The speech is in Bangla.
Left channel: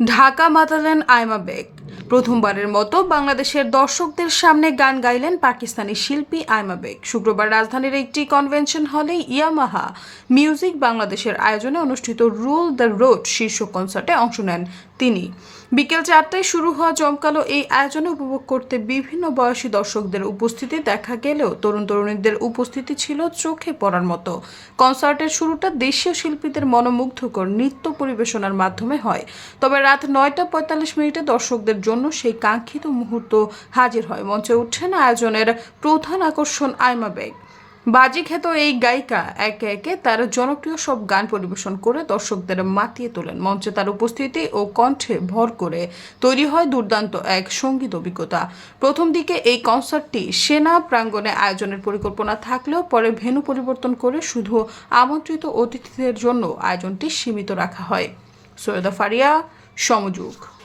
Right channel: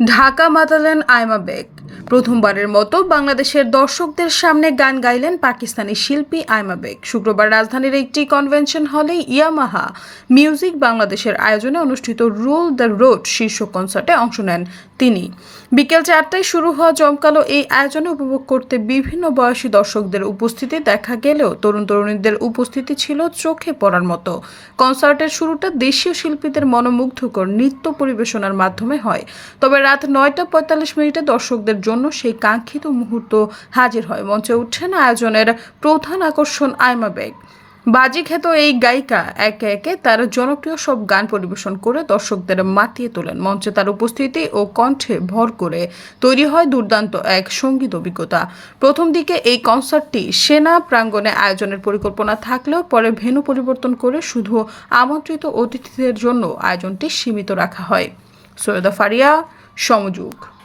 ঢাকা মাতালেন আয়মা বেগ। প্রথমবারের মতো বাংলাদেশের দর্শকদের সামনে গান গাইলেন পাকিস্তানি শিল্পী আয়মা বেগ। শুক্রবার রাজধানীর একটি কনভেনশন হলে ইয়ামাহা মিউজিক বাংলাদেশের আয়োজনে অনুষ্ঠিত রুল দ্য রোড শীর্ষ কনসার্টে অংশ নেন তিনি। বিকেল চারটায় শুরু হওয়া জমকালো এই আয়োজনে উপভোগ করতে বিভিন্ন বয়সী দর্শকদের উপস্থিতি দেখা গেলেও তরুণ তরুণীদের উপস্থিতি ছিল চোখে পড়ার মতো। কনসার্টের শুরুটা দেশীয় শিল্পীদের মনোমুগ্ধকর নৃত্য পরিবেশনার মাধ্যমে হয়। তবে রাত নয়টা পঁয়তাল্লিশ মিনিটে দর্শকদের জন্য সেই কাঙ্ক্ষিত মুহূর্ত হাজির হয়। মঞ্চে উঠছেন আয়োজনের প্রধান আকর্ষণ আয়মা বেগ। বাজি খ্যাত এই গায়িকা একে একে তার জনপ্রিয় সব গান পরিবেশন করে দর্শকদের মাতিয়ে তোলেন। মঞ্চে তার উপস্থিতি ও কণ্ঠে ভর করে তৈরি হয় দুর্দান্ত এক সংগীত অভিজ্ঞতা। প্রথম দিকে এই কনসার্টটি সেনা প্রাঙ্গণে আয়োজনের পরিকল্পনা থাকলেও পরে ভেন্যু পরিবর্তন করে শুধু আমন্ত্রিত অতিথিদের জন্য আয়োজনটি সীমিত রাখা হয়। সৈয়দা ফারিয়া, সমযোগ।